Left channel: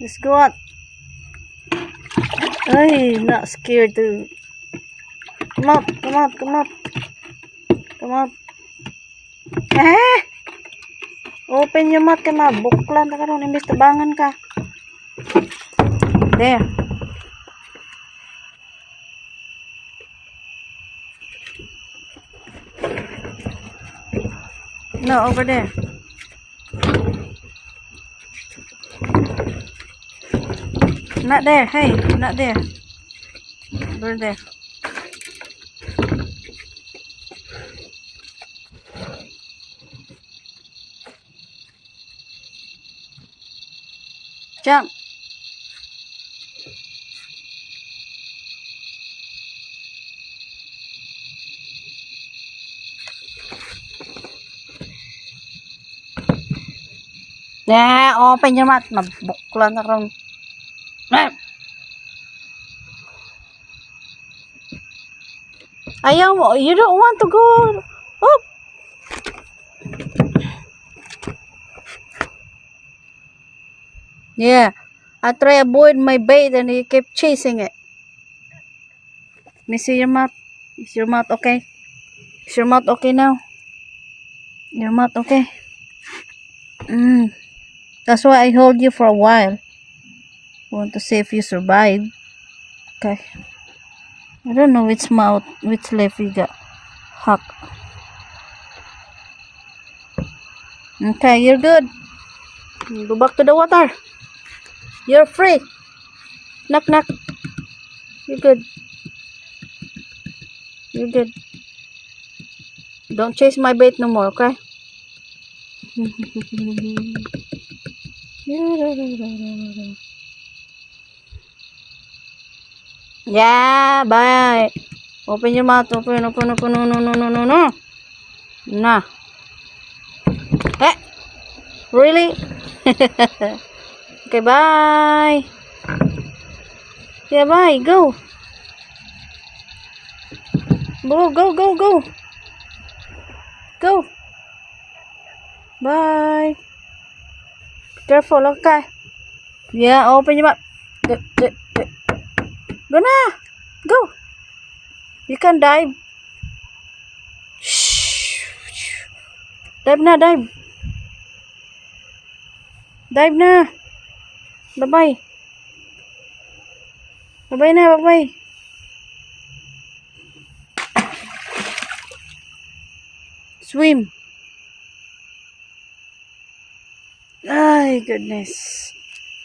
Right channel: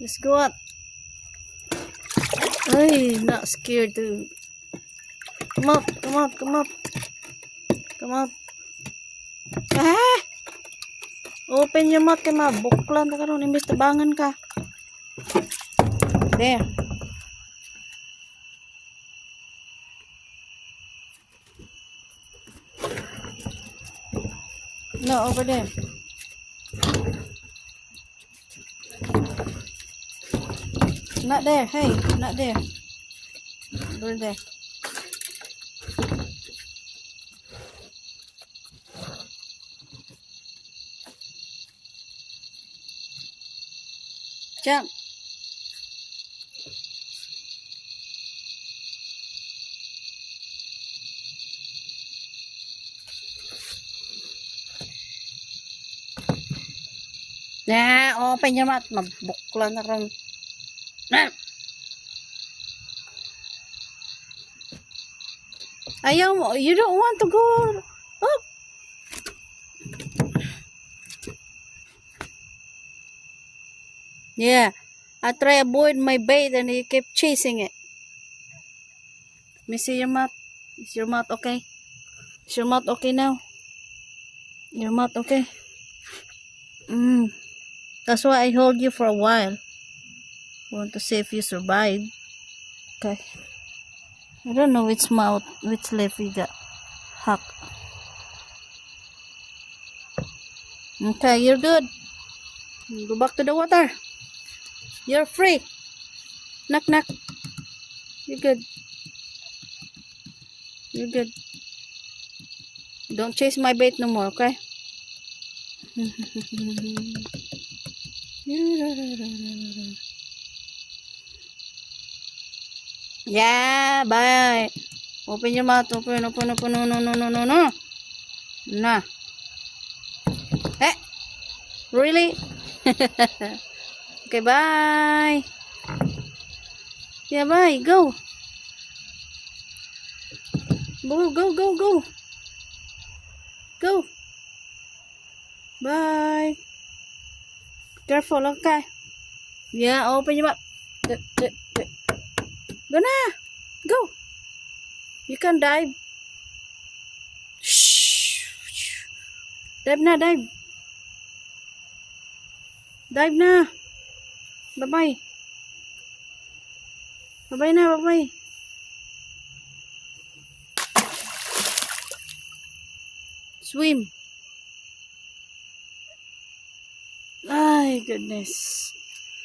Let's go out. Ay, not scared to. Come out, come out, come out. Come out. Eh! Open your mouth kay mabuklan ta karon imbes tabangan ka. There. No, over there. Not there. Hey, not there. Over there. Jump. Yeah, open your mouth. Mabuklan na karon. Ayaw mo. You don't want to go. Oh. Yeah. I try avoid my bait and he kept chasing it. Let me see your mouth. Is your mouth okay? Is your mouth okay now? Your mouth okay? That's why I hold you for a while. Want to see if you survive. Okay. I don't know which mouth, which left you got hacked. Okay, you're good. Go back to the water. You're free. Knock, knock. You're good. You're good. Don't chase my bait no more, okay? Yeah, bye. Open your mouth. Open. No. Nah. Eh? Really? Okay, bye. Yeah, bye. Go. Go. Go. Bye. Careful, okay? Yeah, open your mouth. Go na. Go. You can dive. Shh. Dive na, dive. Dive na. Bye-bye. Bye-bye na, bye-bye. Swim. Ay, goodness.